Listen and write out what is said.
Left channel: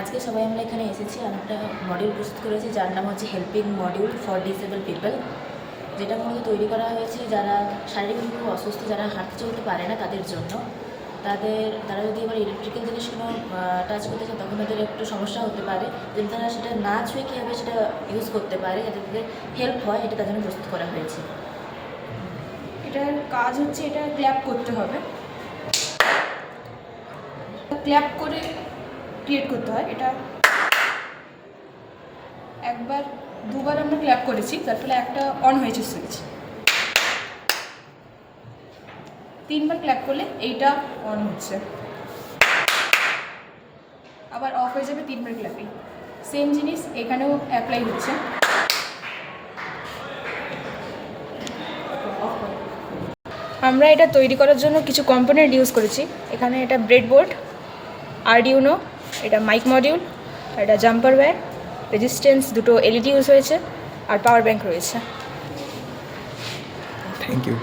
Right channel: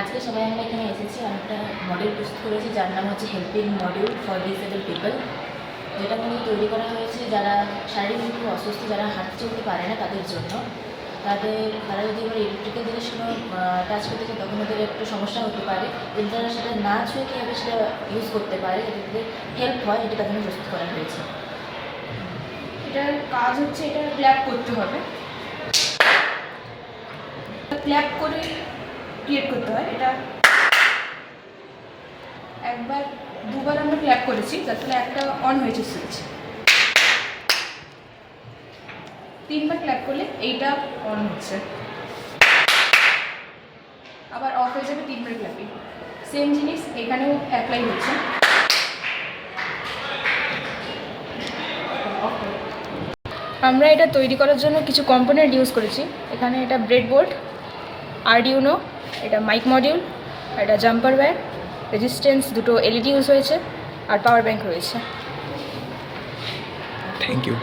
আজকে সবাই আমরা এখানে এসেছি, আমি একটা মডেল প্রস্তুত করেছি যার নাম হচ্ছে helping module for disable people, যেটা মূলত তৈরি করা হয়েছে যারা শারীরিকভাবে অসুস্থ, যারা হাঁটতে চলতে পারে না তাদের জন্য। তারা যদি এবার ইলেকট্রিক্যাল জিনিস কোনো টাচ করতে চায় তখন তাদের একটু সমস্যা হতে পারে, কিন্তু তারা সেটা না ছুঁয়ে কীভাবে সেটা ইউজ করতে পারে যাতে তাদের হেল্প হয়, এটা তাদের প্রস্তুত করা হয়েছে। এটার কাজ হচ্ছে এটা ক্ল্যাপ করতে হবে, ক্ল্যাপ করে ক্রিয়েট করতে হয়। এটা একবার দুবার আমরা ক্ল্যাপ করেছি, তার ফলে একটা অন হয়েছে সুইচ। 3বার ক্ল্যাপ করলে এইটা অন হচ্ছে, আবার অফ হয়ে যাবে 3বার ক্ল্যাপে। সেম জিনিস এখানেও অ্যাপ্লাই হচ্ছে। আমরা এটা তৈরি করার জন্য কিছু কম্পোনেন্ট ইউজ করেছি। এখানে এটা ব্রেডবোর্ড, আরডিউনো, এটা মাইক মডিউল, এটা জাম্পার ওয়্যার, রেজিস্ট্যান্স, দুটো এলইডি ইউজ হয়েছে, আর পাওয়ার ব্যাংক রয়েছে। Thank you.